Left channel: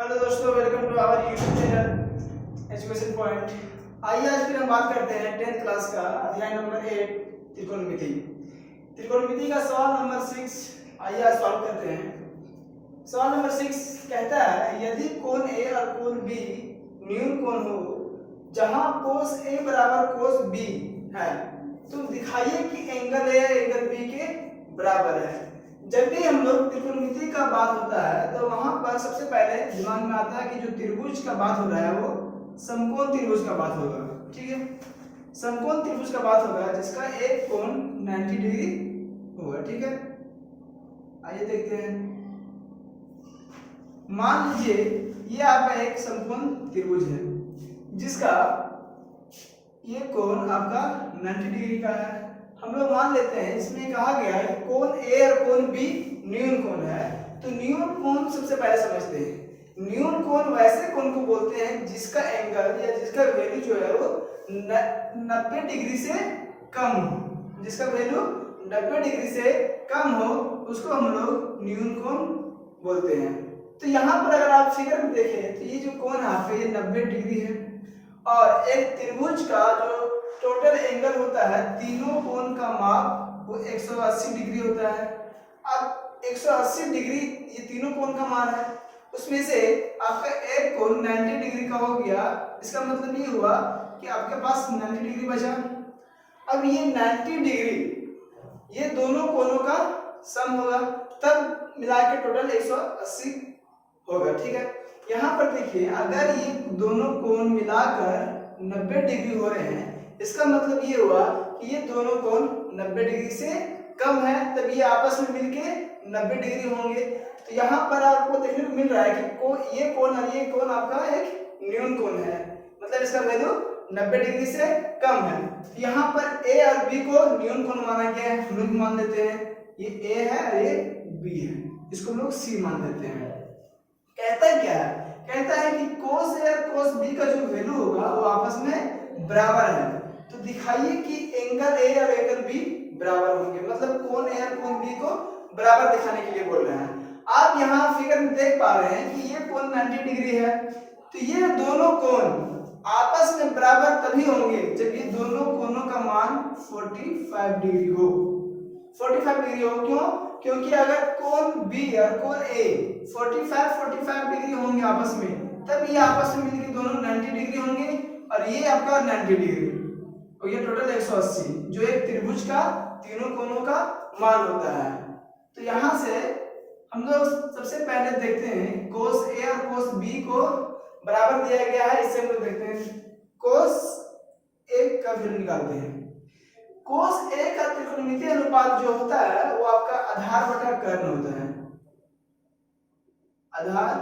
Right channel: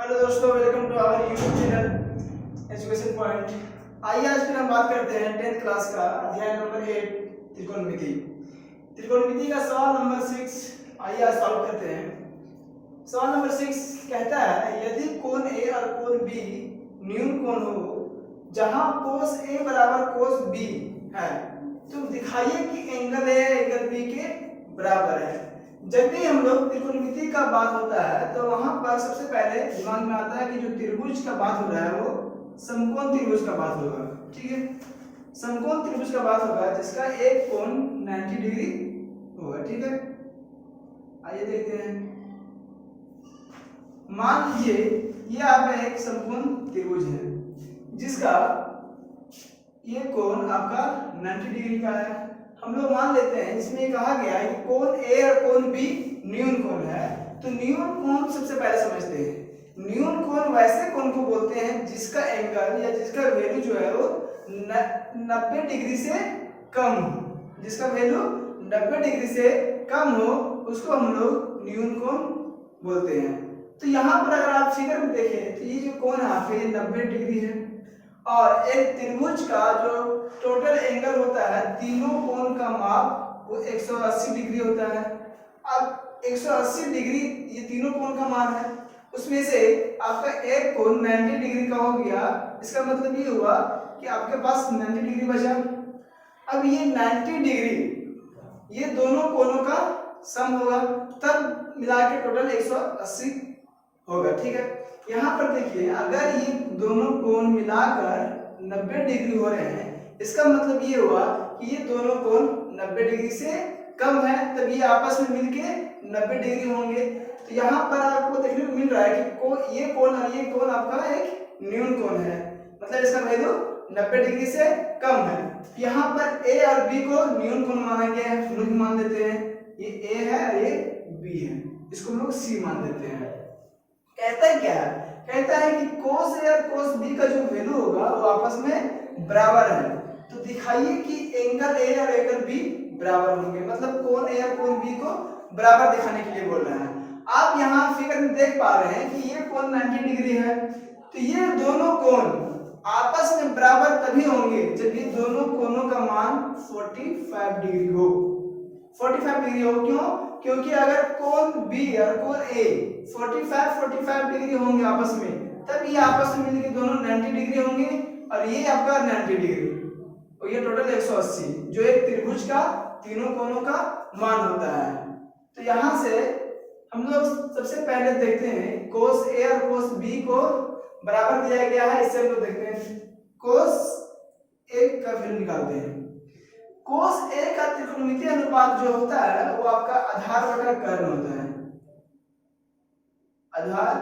Hello दोस्तों, welcome to our YouTube channel education point. आइए आज फिर हम बात करते हैं 10th क्लास का अध्याय नंबर 8 त्रिकोणमिति। त्रिकोणमिति का सवाल नंबर 6 आइए आज सॉल्व करते हैं। सवाल नंबर 6 कहता है यदि कोण ए और कोण बी न्यून कोण हो जहां कोस ए बराबर कोस बी है तो दिखाइए कि एंगल ए एंगल बी के बराबर है। जब भी हम लोग त्रिकोणमिति का बात होता है तो वहां पर सबसे पहले दिमाग में आता है कि जो त्रिभुज का बात हो रहा है वो समकोण त्रिभुज का बात होगा। ठीक है, समकोण त्रिभुज का बात होगा जिसका एक कोण 90 डिग्री होगा। ठीक है, आइए देखते हैं। मान लीजिए ये आपका एक समकोण त्रिभुज है जिसका ये कोण आपका 90 डिग्री का है। हम लोग मान लेते हैं इसमें कहा गया है कि कोण ए और कोण बी न्यून कोण है, तो न्यून कोण सबसे पहले समझते हैं। न्यून कोण वैसे कोण को बोलते हैं जिसका एंगल या जिसका वैल्यू जो है वो 90 डिग्री से कम हो। जिसका वैल्यू 90 डिग्री से कम हो उसको हम लोग न्यून कोण बोलते हैं। तो यहाँ पर अगर आप फिगर में देखें तो ये जो कोण है पे 90 डिग्री है और एक त्रिभुज का जो टोटल एंगल होता है तीनों कोण का माप वो 180 डिग्री होता है। अब 180 डिग्री ये तीनों कोण का मान है, उसमें से आपका एक कोण 90 डिग्री का हो गया। इसका मतलब ये हुआ कि आपके पास 90 डिग्री बचा। अब ये 90 डिग्री ये दोनों कोणों का सम होगा, तब मिला के टोटल 180 होगा। ठीक है, यहाँ पर देखिए अगर ये दोनों कोण मिलाकर 90 डिग्री हो रहे हैं इसका मतलब ये हुआ कि ये दोनों कोण 90 डिग्री से कम है, तब ये आपस में मिलके 90 डिग्री होंगे। तो यहाँ पर आपको देखने को मिल रहा है कि ये कोण और ये कोण आपका एक न्यून कोण है, मतलब इसका वैल्यू 90 डिग्री से कम है। यहाँ पर ए और बी को न्यून कोण माना गया है, हम लोग मान लेते हैं ये ए है और ये बी है, इसको हम लोग सी मान लेते हैं। कहता है क्या है, कहता है कि cos A और cos B का जो वैल्यू होगा वो आपस में बराबर है, तो दिखाइए कि एंगल A और एंगल B बराबर होंगे। मतलब कोण A और कोण B को बराबर दिखाने के लिए बोल रहा है। आप यहाँ फिगर में देख पा रहे हैं कि ये कोण 90 डिग्री है, तो ये दोनों कोण आपस में बराबर तभी होंगे जब ये दोनों कोणों का मान 45 डिग्री हो। 45 डिग्री हो क्यों? क्योंकि अगर कोण B और कोण A 45 डिग्री होंगे आपस में, तब ये आपस में मिलकर दोनों 90 डिग्री होंगे और ये आपका 90 डिग्री और ये टोटल 180 जो एक त्रिभुज का तीनों कोणों का मान होता है। तो यहाँ से हम लोग सबसे पहले देखते हैं cos A और cos B को बराबर दिया गया है, इससे हम लोग देखते हैं cos A का वैल्यू निकालते हैं। cos A का त्रिकोणमितीय अनुपात जो होता है वो आपका आधार बटा कर्ण होता है, आधार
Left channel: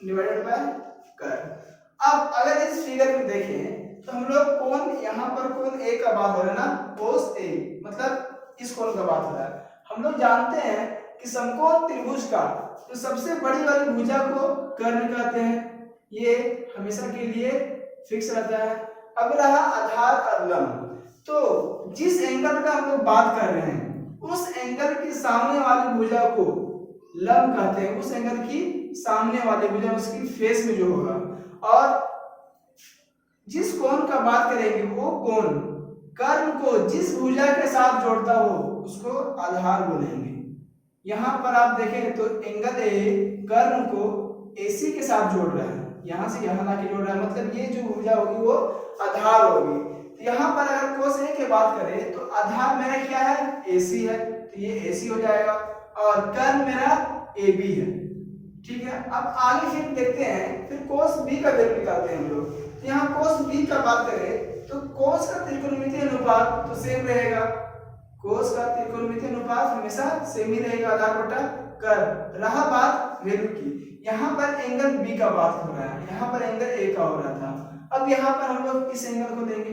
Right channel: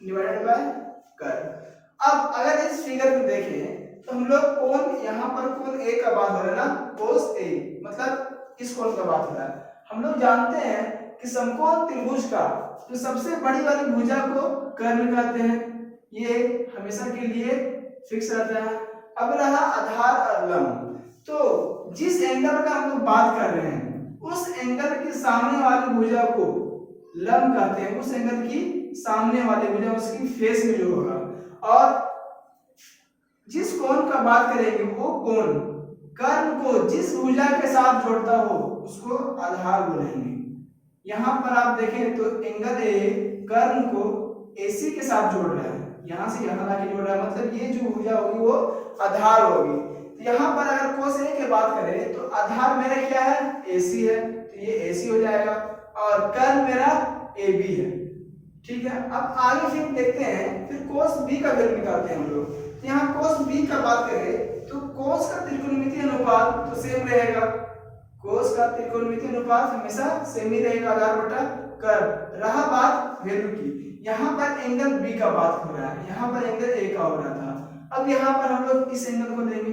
डिवाइडेड बाय कर्ण। अब अगर इस फिगर में देखें तो हम लोग कोण यहाँ पर कोण A का बात हो रहा है ना, cos A मतलब इस कोण का बात हो रहा है। हम लोग जानते हैं कि समकोण त्रिभुज का जो सबसे बड़ी वाली भुजा को कर्ण कहते हैं, ये हमेशा के लिए फिक्स रहता है। अब रहा आधार और लंब, तो जिस एंगल का हम लोग बात कर रहे हैं उस एंगल के सामने वाली भुजा को लंब कहते हैं। उस एंगल की सामने वाली भुजा उसकी फेस में जो होगा, और जिस कोण का बात करेंगे वो कोण कर्ण को जिस भुजा के साथ जोड़ता हो उसको आधार बोलेंगे। यहाँ पर आप देखें तो एंगल ए कर्ण को AC के साथ जोड़ रहा है, यहाँ से यहाँ लाके जोड़ रहा है, मतलब ये जो भुजा होगी वो आधार होगी। तो यहाँ पर अगर cos A की बात करें तो आधार मेरा क्या है, AC है, तो ये AC हो जाएगा और कर्ण मेरा AB है। ठीक है, अब आगे फिर देखते हैं फिर cos B का वैल्यू निकालते हैं हम लोग। तो यहाँ cos B का बात करें तो cos का त्रिकोणमितीय अनुपात तो सेम रहेगा, cos का त्रिकोणमितीय अनुपात हमेशा सेम ही रहेगा, आधार बटा कर्ण। रहा बात वैल्यू की, यहाँ पर एंगल B का बात हो रहा है, यहाँ पर एंगल A का हो रहा था। अब यहाँ पर हम लोग इस एंगल को लेंगे।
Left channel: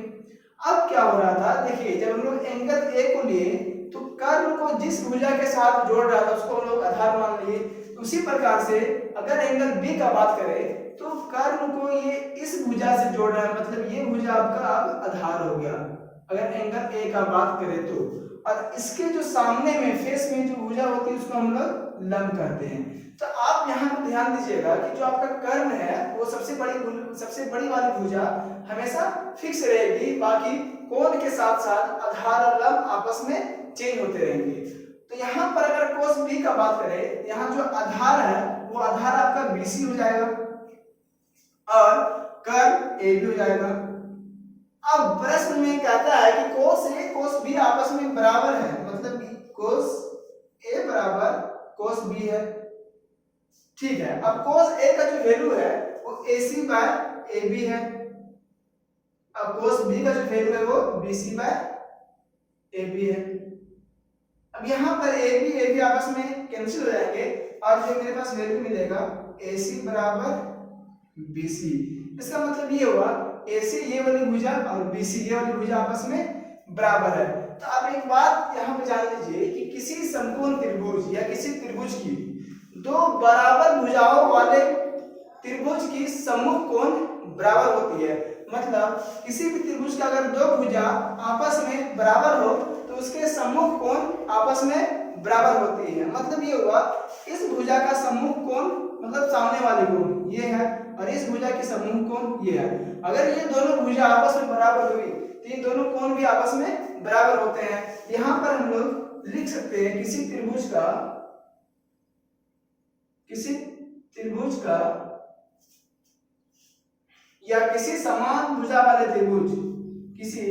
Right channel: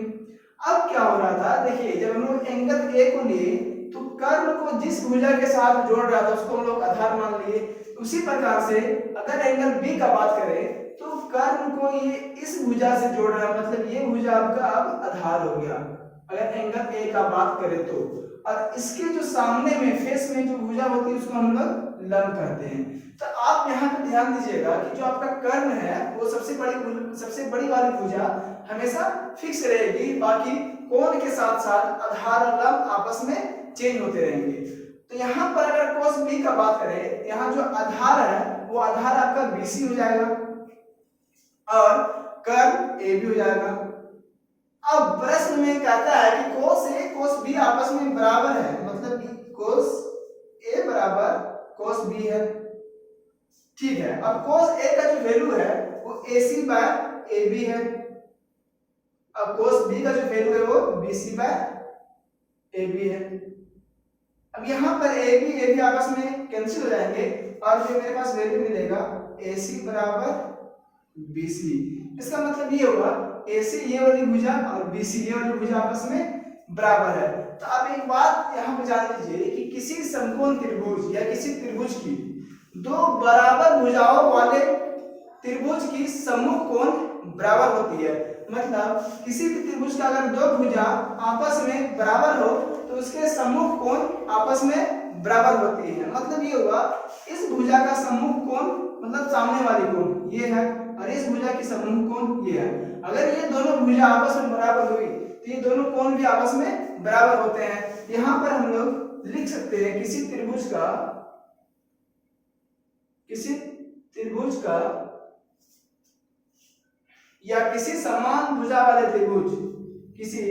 अब क्या हो रहा था, देखिए जब हम लोग एंगल A को लिए तो कर्ण को जिस भुजा के साथ जोड़ रहा था उसको हम लोग आधार मान लिए। उसी प्रकार से अगर एंगल B का बात करें तो कर्ण को ये इस भुजा से जोड़ रहा है, मतलब ये भुजा आपका अब आधार हो गया अगर एंगल A का बात करें तो। और इसके जो सामने में फेस में जो भुजा होती है उसको हम लोग लंब कहते हैं। तो आप यहाँ पर ध्यान दीजिएगा कि जो आपका कर्ण है वो सबसे बड़ी वाली भुजा हमेशा फिक्स रहेगी, बाकी कोण के साथ साथ आधार और लंब आपस में चेंज होते रहेंगे। तो यहाँ पर अगर कोस बी का बात करें, यहाँ जो आधार है वो आधार आपका बीसी हो जाएगा और कर्ण ए बी हो जाएगा। अब प्रश्न में कहता है कि कोस ए कोस बी आपस में बराबर है, मतलब कोस ए बराबर कोस बी है, ठीक है। अब कोस ए का जो वैल्यू है वो AC बाय AB है, अब कोस बी का जो वैल्यू है वो BC बाय AB है। अब यहाँ पर AB आपस में कैंसिल हो जाएंगे और जो मेरे पास वैल्यू मिलेगा AC बराबर BC। इसका मतलब ये होगा AC ये वाली भुजा और BC ये वाली भुजा आपस में बराबर है। तो आप एक बात यहाँ पे जान लीजिए कि किसी समकोण त्रिभुज या किसी त्रिभुज की दो बराबर भुजाओं वाले त्रिभुज की सम्मुख कोण बराबर होती है। मतलब किसी भी त्रिभुज का अगर दो भुजा आपस में बराबर हो तो उसके सम्मुख कोण आपस में बराबर होती है। मतलब ये होगा इस भुजा का सम्मुख कोण मतलब सामने वाली कोण ये है और इस भुजा की सम्मुख कोण ये है। अगर ये दोनों भुजा आपस में बराबर हुई तो ये दोनों कोण भी आपस में बराबर होते हैं। यहाँ पर हम लोग लिख सकते हैं किसी त्रिभुज का या किसी समान भुजा वाले त्रिभुज, किसी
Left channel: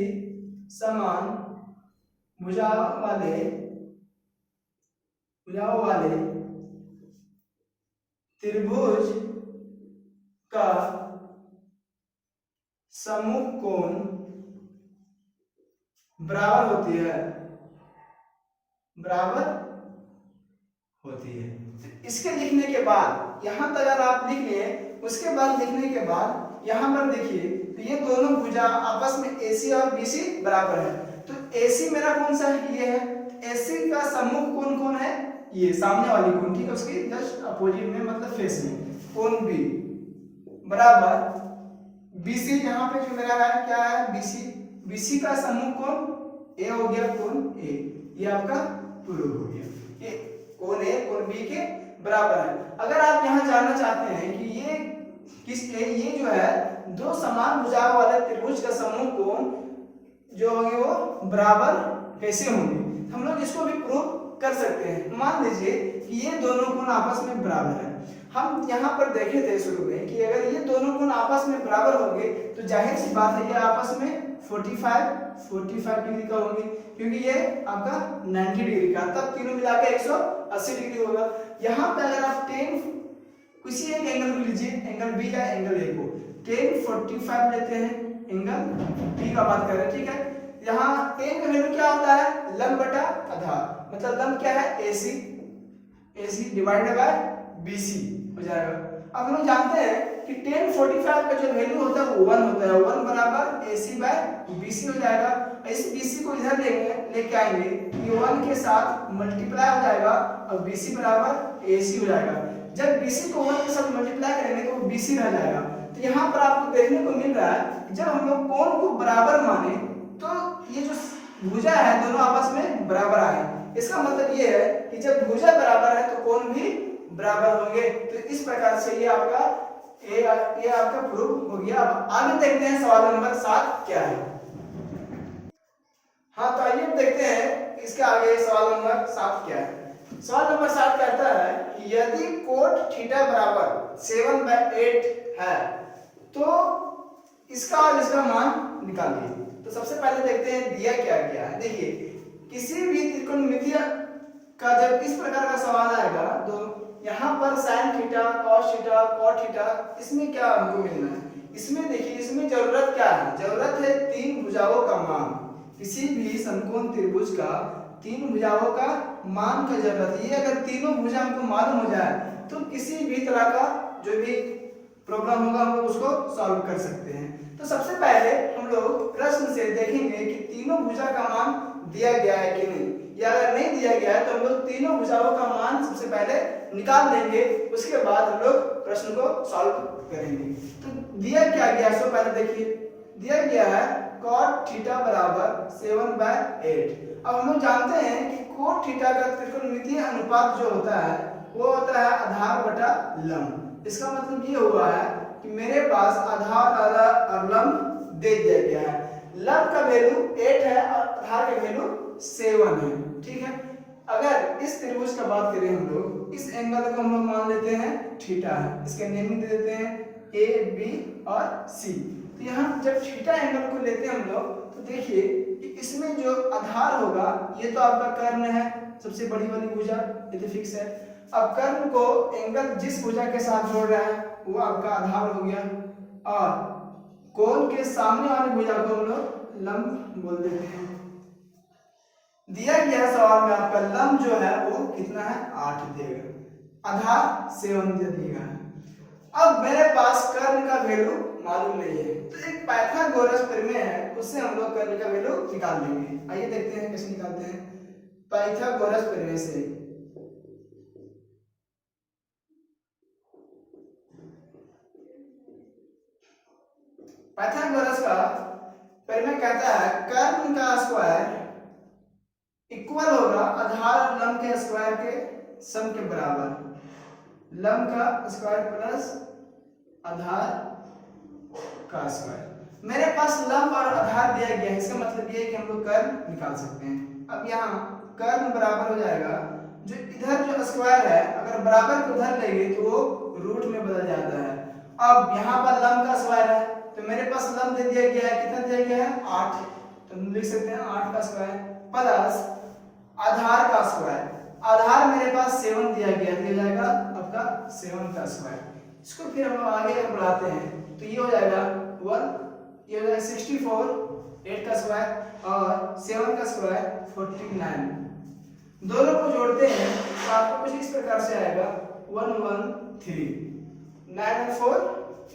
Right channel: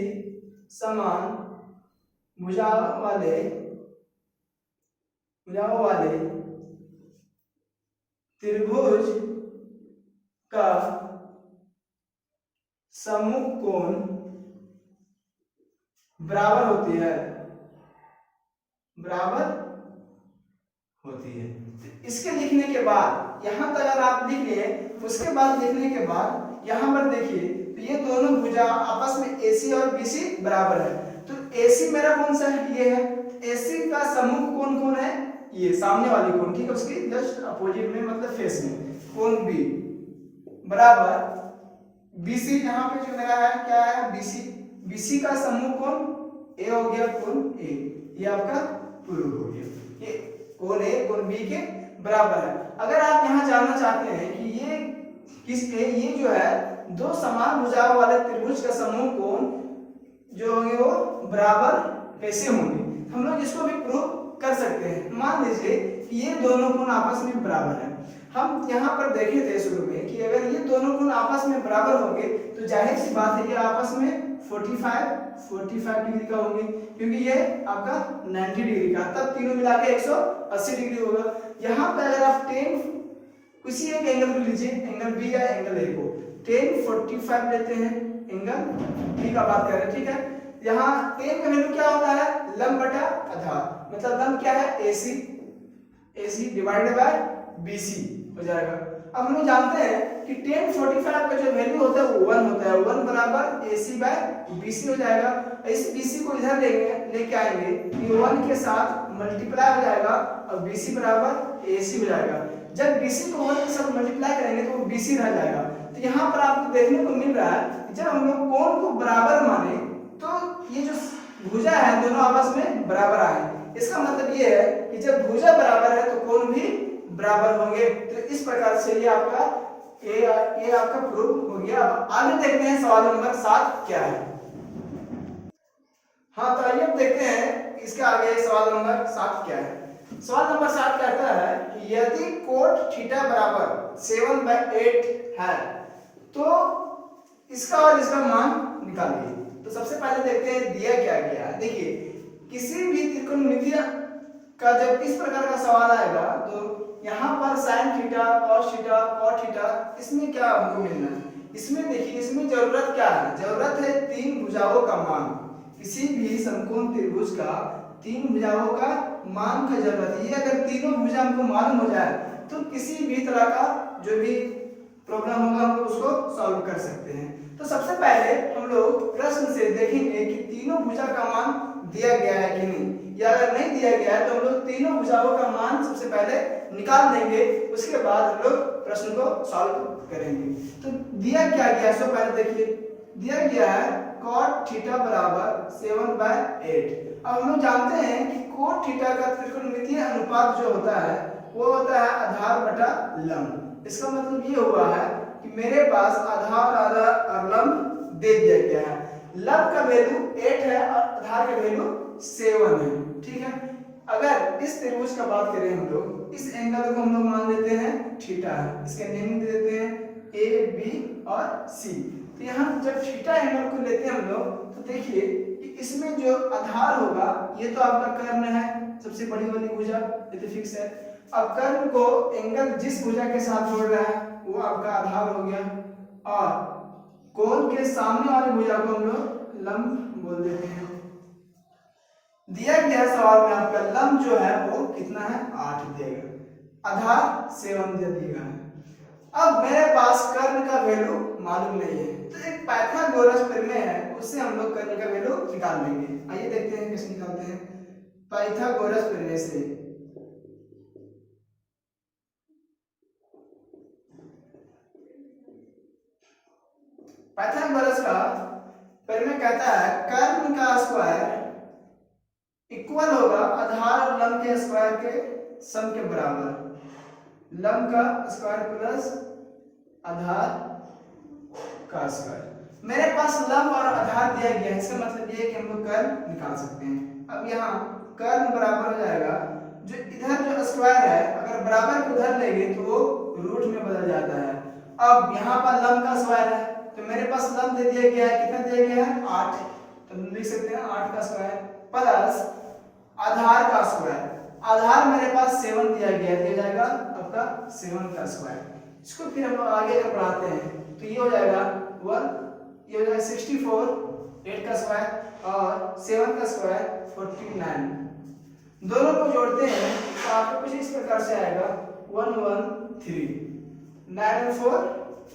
समान भुजाओं वाले त्रिभुज का सम्मुख कोण बराबर होती है। तो इसके लिखने के बाद यहां तक अगर आप लिख लिए, उसके बाद लिखने के बाद यहां पर देखिए तो ये दोनों भुजा आपस में AC और BC बराबर है। तो AC मेरा कौन सा है, ये है। AC का सम्मुख कोण कौन है, ये सामने वाली कोण, ठीक है, उसकी जस्ट अपोजिट में मतलब फेस में कोण B बराबर BC। यहाँ पे जो मेरा है क्या है BC का सम्मुख कोण A हो गया, कोण A, ये आपका पूर्व हो गया। ये कोण A कोण B के बराबर है। अगर आप यहाँ जानना चाहते हैं कि ये जो है दो समान भुजाओं वाले त्रिभुज का सम्मुख कोण जो होंगे वो बराबर कैसे होंगे, हम लोग इसको भी प्रूव कर सकते हैं। मान लीजिए कि ये दोनों कोण आपस में बराबर है। हम यहाँ पर देखे थे शुरू में कि अगर ये दोनों कोण आपस में बराबर होंगे तो जाहिर सी बात है ये आपस में 45 डिग्री का होंगे, क्योंकि ये आपका 90 डिग्री का, तब तीनों मिलाकर 180 डिग्री होगा। यहाँ पे अगर आप किसी एक एंगल को लीजिए, एंगल B या एंगल A को 1045 लेते हैं, एंगल B का बात कर रहे हैं, ठीक है। यहाँ tan का वैल्यू क्या होता है, लंब बटा आधार, मतलब लंब क्या है AC डिवाइडेड बाय BC हो जाएगा। अब हम लोग जानते हैं कि 1045 का जो वैल्यू होता है वो 1 होता है, 1 बराबर AC बाय BC हो जाएगा। इस BC को इधर लेके आएंगे, ये 1 के साथ मल्टीप्लाई हो जाएगा और BC बराबर AC हो जाएगा। जब BC को 1 के साथ मल्टीप्लाई करेंगे तो वो BC रह जाएगा। तो यहाँ पर आपको देखने को मिल रहा है कि जब हम लोग कोण को बराबर माने तो ये जो भुजा है दोनों आपस में बराबर आए। इसका मतलब ये है कि जब भुजा बराबर है तो कोण भी बराबर होंगे। तो इस प्रकार से ये आपका प्रूफ हो गया। अब आगे देखते हैं सवाल नंबर 7 क्या है। हाँ, तो आइए देखते हैं इसके आगे सवाल नंबर 7 क्या है। सवाल नंबर 7 कहता है कि यदि कोण थीटा बराबर 7/8 है तो इसका और इसका मान निकालिए। तो सबसे पहले देखते हैं दिया क्या गया है। देखिए किसी भी त्रिकोणमितीय का जब इस प्रकार का सवाल आएगा तो यहाँ पर sin theta cos theta cot theta, इसमें क्या हमको मिलना है, इसमें देखिए इसमें जरूरत क्या है, जरूरत है तीन भुजाओं का मान। किसी भी समकोण त्रिभुज का तीन भुजाओं का मान का जरूरत है। ये अगर तीनों भुजा हमको मालूम हो जाए तो किसी भी तरह का जो भी प्रॉब्लम होगा हम लोग उसको सॉल्व कर सकते हैं। तो सबसे पहले हम लोग प्रश्न से देखेंगे कि तीनों भुजा का मान दिया गया है कि नहीं, या अगर नहीं दिया गया है तो हम लोग तीनों भुजाओं का मान सबसे पहले निकाल देंगे, उसके बाद हम लोग प्रश्न को सॉल्व करेंगे। तो दिया क्या गया है, सबसे पहले देखिए दिया गया है cot थीटा बराबर 7/8। अब हम लोग जानते हैं कि कोण थीटा का त्रिकोणमितीय अनुपात जो होता है वो होता है आधार बटा लंब। इसका मतलब ये हुआ है कि मेरे पास आधार और लंब दे दिया गया है। लंब का वैल्यू 8 है और आधार का वैल्यू 7 है, ठीक है। अगर इस त्रिभुज का बात करें हम लोग, इस एंगल को हम लोग मान लेते हैं थीटा है, इसके नेमिंग दे देते हैं ए बी और सी। तो यहाँ जब थीटा एंगल को लेते हैं हम लोग, तो देखिए कि इसमें जो आधार होगा ये तो आपका कर्ण है, सबसे बड़ी वाली भुजा, ये तो फिक्स है। अब कर्ण को एंगल जिस भुजा के साथ जोड़ रहा है वो आपका आधार हो गया, और कोण के सामने वाली भुजा को हम लोग लंब बोल देते हैं। दिया गया सवाल में आपका लंब जो है वो कितना है, 8 देगा, आधार 7 दे दिया है। अब मेरे पास कर्ण का वैल्यू मालूम नहीं है, तो एक पाइथागोरस प्रमेय है, उससे हम लोग कर्ण का वैल्यू निकाल लेंगे। आइए देखते हैं कैसे निकालते हैं पाइथागोरस प्रमेय से। पाइथागोरस का प्रमेय कहता है कर्ण का स्क्वायर इक्वल होगा आधार और लंब के स्क्वायर के सम के बराबर। लंब का स्क्वायर प्लस आधार का स्क्वायर। मेरे पास लंब और आधार दिया गया है, इसका मतलब ये है कि हम लोग कर्ण निकाल सकते हैं। अब यहाँ कर्ण बराबर हो जाएगा, जो इधर जो स्क्वायर है अगर बराबर को उधर लेंगे तो वो रूट में बदल जाता है। अब यहाँ पर लंब का स्क्वायर है, तो मेरे पास लंब दे दिया गया है, कितना दिया गया है, 8, तो हम लिख सकते हैं 8 का स्क्वायर प्लस आधार का स्क्वायर। आधार मेरे पास 7 दिया गया, दिया जाएगा आपका 7 का स्क्वायर। इसको फिर हम आगे बढ़ाते हैं, तो ये हो जाएगा 1, ये हो जाएगा 64, 8 का स्क्वायर और 7 का स्क्वायर 49। दोनों को जोड़ते हैं तो आपको कुछ इस प्रकार से आएगा 113, 9 और 4,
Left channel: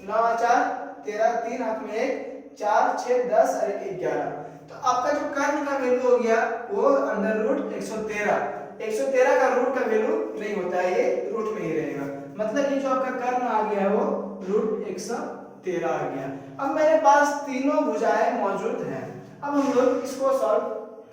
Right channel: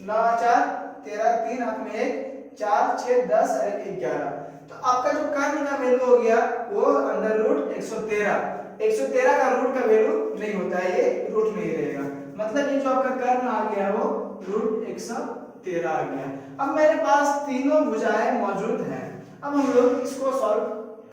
9 और 4 13, 3 हाथ में 1, 4 6 10 और 11। तो आपका जो कर्ण का वैल्यू हो गया वो अंडर रूट 113। 113 का रूट का वैल्यू नहीं होता है, ये रूट में ही रहेगा, मतलब ये जो आपका कर्ण आ गया वो रूट 113 आ गया। अब मेरे पास तीनों भुजाएं मौजूद हैं, अब हम लोग इसको सॉल्व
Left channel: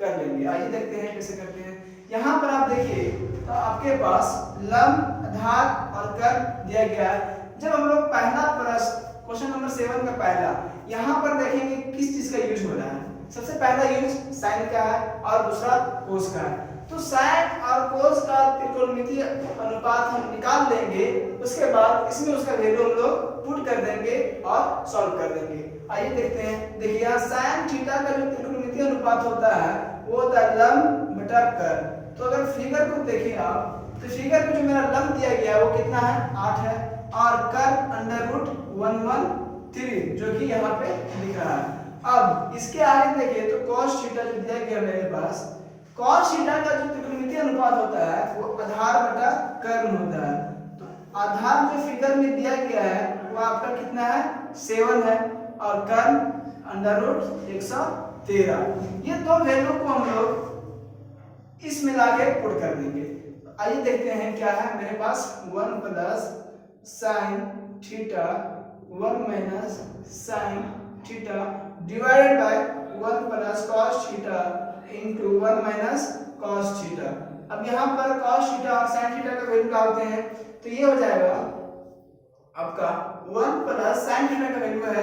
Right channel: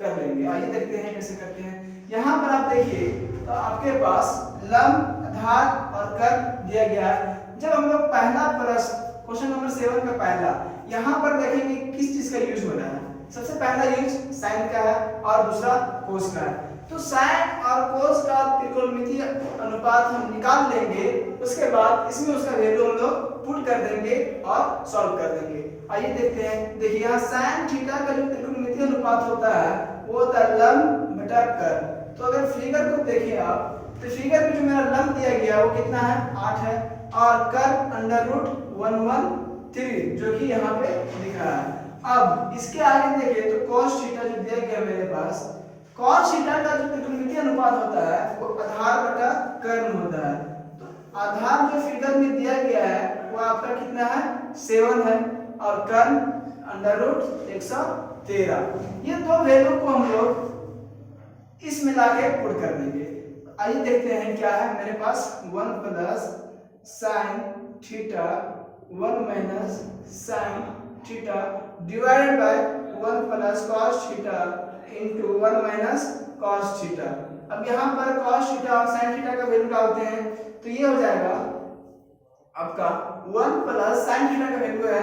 कर लेंगे। आइए देखते हैं कैसे करते हैं। यहाँ पर आप देखिए तो आपके पास लंब, आधार और कर्ण दिया गया है। जब हम लोग पहला प्रश्न क्वेश्चन नंबर 7 का पहला, यहाँ पर देखेंगे किस चीज का यूज हो रहा है। सबसे पहला यूज साइन का है और दूसरा कोस का है, तो साइन और कोस का त्रिकोणमितीय अनुपात हम निकाल लेंगे, उसके बाद इसमें उसका वैल्यू हम लोग पुट कर देंगे और सॉल्व कर देंगे। आइए देखते हैं। देखिए यहाँ साइन थीटा का जो त्रिकोणमितीय अनुपात होता है वो होता है लंब बटा कर्ण। तो अगर फिगर को देखिए आप, तो फिगर में जो मेरा लंब दिया गया है वो कितना है, 8 है, और कर्ण अंडर रूट 113 जो कि यहाँ पे लिख रहा है। अब इसके आगे देखिए तो cos थीटा जो दिया गया मेरे पास, cos थीटा का जो त्रिकोणमितीय अनुपात होता है वो आधार बटा कर्ण होता है। तो आधार जो फिगर में दिया गया है वो आपका कितना है, 7 है, और कर्ण अंडर रूट 113। ये दो वैल्यू को हम लोग इसमें लाके पुट कर देंगे। आइए देखते हैं क्या है मेरे पास, 1 plus sine theta 1 minus sine theta divided by 1 plus cos theta into 1 minus cos theta. अब यहाँ पर cos थीटा और sin थीटा का वैल्यू डालते हैं तो ये हो जाएगा आपका 1 प्लस sin थीटा का वैल्यू है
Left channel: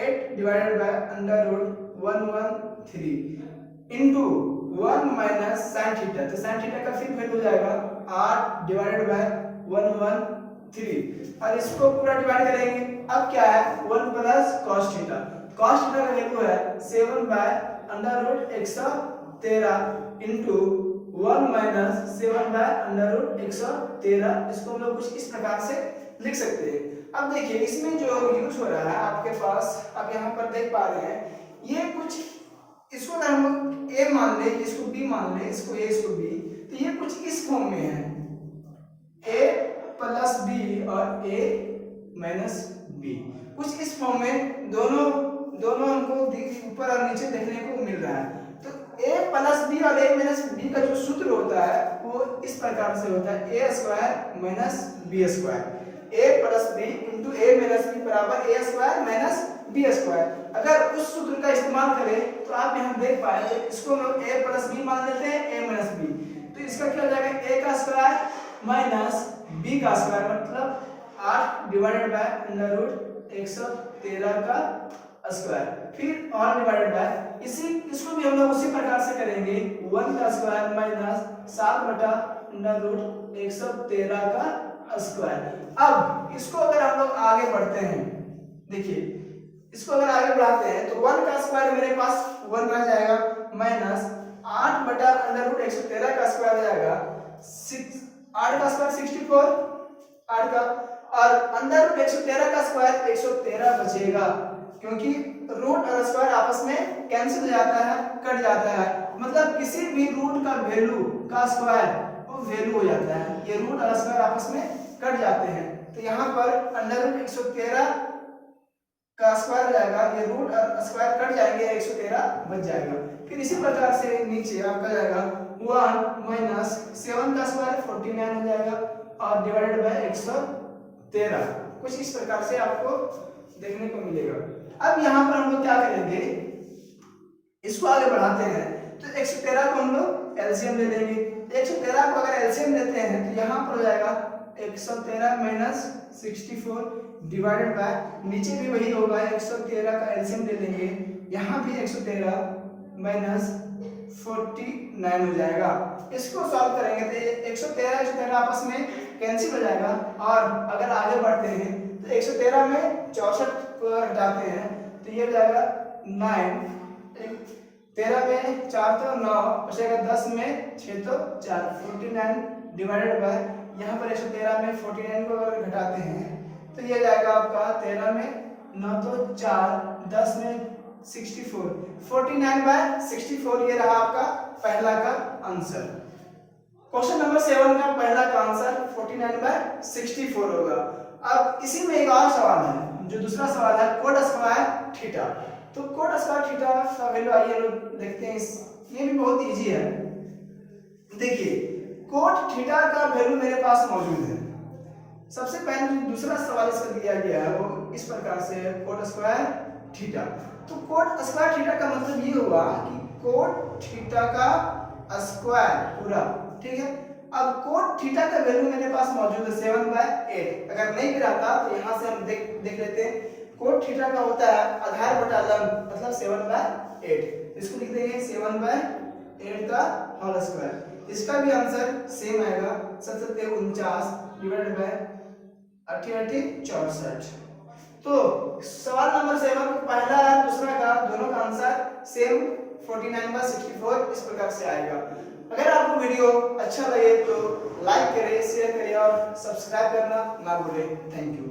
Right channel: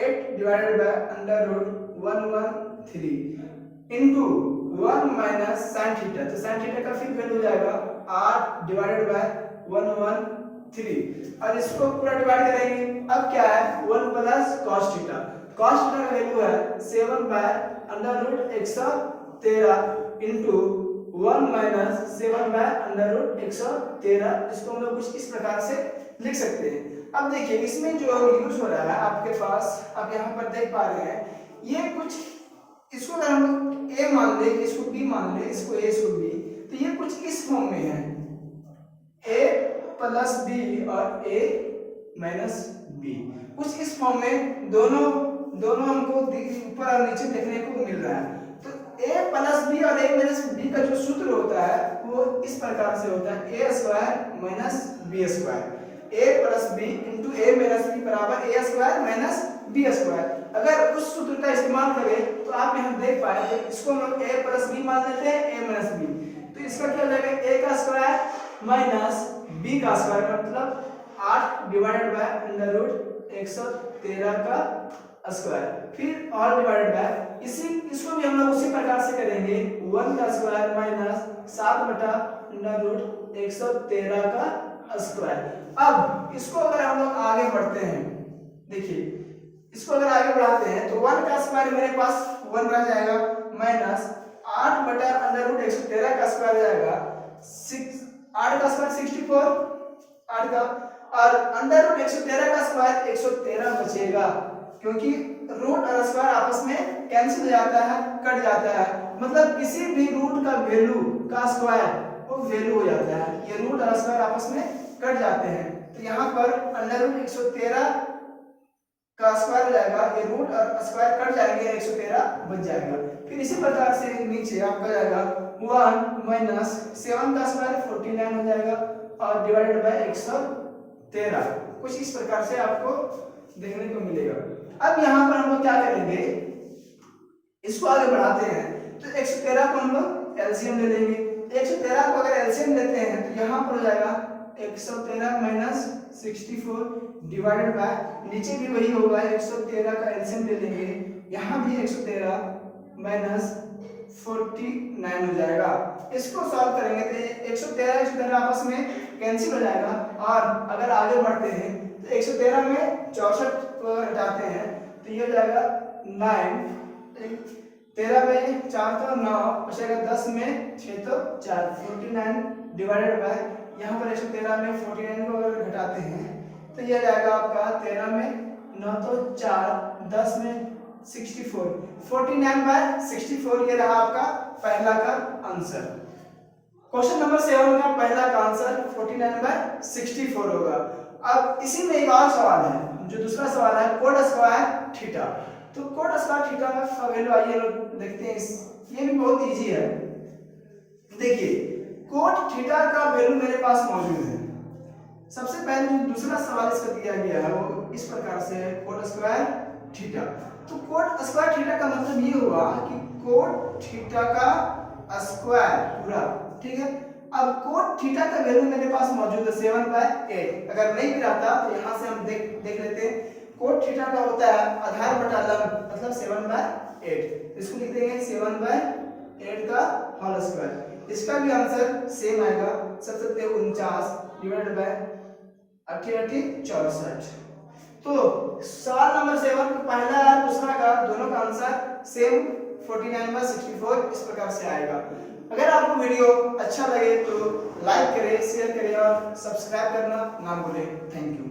8 divided by under root 113 into 1 minus sin theta, तो sin थीटा का फिर वैल्यू हो जाएगा 8 डिवाइडेड बाय 113, और इसको पूरा डिवाइड करेंगे। अब क्या है, 1 plus cos theta, cos theta का वैल्यू है 7 by under root 113 into 1 minus 7 by under root 113। इसको हम लोग कुछ इस प्रकार से लिख सकते हैं। अब देखिए इसमें जो यूज हो रहा है आपके पास, आप यहाँ पर देख पा रहे हैं, ये कुछ इसको अगर हम a मान ले, इसको b मान ले, इसको a इसको b, तो ये कुछ इस फॉर्म में है, a प्लस b और a माइनस b, कुछ इस फॉर्म में दोनों हमको ऊपर और नीचे देखने को मिल रहा है। तो a प्लस b और a माइनस b का जो सूत्र होता है वो इस प्रकार से होता है, a square minus b square, a plus b into a minus b बराबर a square minus b square. अगर उस सूत्र का इस्तेमाल करें तो आप यहाँ देख पाए तो इसको हम लोग a प्लस बी मान लेते हैं, a माइनस बी, तो इसका क्या हो जाएगा a का स्क्वायर माइनस b का स्क्वायर, मतलब 8 डिवाइडेड बाय अंडर रूट 113 का स्क्वायर, फिर और डिवाइडेड बाय इसको भी हम लोग उसी प्रकार से करेंगे 1 का स्क्वायर माइनस 7 बटा अंडर रूट 113 का स्क्वायर। अब इसको अगर हम लोग आगे बढ़ते हैं, देखिए इसको अगर आगे बढ़ाते हैं तो 1 का स्क्वायर मेरे पास 1 रह जाएगा माइनस 8 बटा अंडर रूट 113 का स्क्वायर हो जाएगा 8 का स्क्वायर 64 8 का, और अंडर रूट 113 का स्क्वायर 113 बचेगा, क्योंकि रूट और स्क्वायर आपस में कैंसिल हो जाता है, कट जाता है, मतलब किसी भी रूट का वैल्यू का स्क्वायर वो वैल्यू हो जाता है, ये रूट और स्क्वायर आपस में कट जाते हैं। तो यहाँ पर अंडर रूट 113 का स्क्वायर हो जाएगा, ये रूट और स्क्वायर कट जाएंगे, 113 बच जाएगा। फिर इसी प्रकार से नीचे आपका जाएगा 1 माइनस 7 का स्क्वायर 49 हो जाएगा और डिवाइडेड बाय 113, कुछ इस प्रकार से आपको देखने को मिलेगा। अब यहाँ पर हम लोग क्या करेंगे, इसको आगे बढ़ाते हैं तो 113 को हम लोग एलसीएम ले लेंगे। 113 को अगर एलसीएम लेते हैं तो यहाँ पर हो जाएगा 113 माइनस 64 डिवाइडेड बाय, नीचे भी वही होगा 113 का एलसीएम ले लेंगे, यहाँ भी 113 माइनस 49 हो जाएगा। इसको सॉल्व करेंगे तो 113 आपस में कैंसिल हो जाएगा, और अगर आगे बढ़ते हैं तो 113 में 64 को हटाते हैं तो ये हो जाएगा 9, 13 में 4 तो 9 बचेगा, 10 में 6 तो 4, 49 डिवाइडेड बाय, यहाँ पर 113 में 49 को अगर घटाते हैं तो ये जाएगा आपका 13 में 9 तो 4, 10 में 64, 49 बाय 64, ये रहा आपका पहला का आंसर। क्वेश्चन नंबर 7 का पहला का आंसर 49 बाय 64 होगा। अब इसी में एक और सवाल है, जो दूसरा सवाल है कोड स्क्वायर थीटा। तो कोड स्क्वायर थीटा का वैल्यू आइए लोग देखते हैं, ये भी बहुत इजी है। देखिए कोड थीटा का वैल्यू मेरे पास मौजूद है। सबसे पहले जो दूसरा सवाल इसका दिया गया है वो इस प्रकार से है, कोड स्क्वायर थीटा। तो कोड स्क्वायर थीटा का मतलब ये हुआ कि कोड थीटा का स्क्वायर पूरा, ठीक है। अब कोड थीटा का वैल्यू मेरे पास मौजूद है 7/8, अगर नहीं भी रहता तो यहाँ से हम देख लेते हैं। कोड थीटा का होता है आधार बटा लंब, मतलब 7/8, इसको लिख देंगे 7/8 का होल स्क्वायर। इसका भी आंसर सेम आएगा 749 डिवाइडेड बाय 88 64। तो सवाल नंबर 7 को पहला और दूसरा का दोनों का आंसर सेम 49/64 इस प्रकार से आएगा। अगर आपको वीडियो अच्छा लगे तो लाइक करें, शेयर करें और सब्सक्राइब करना ना भूलें। Thank you.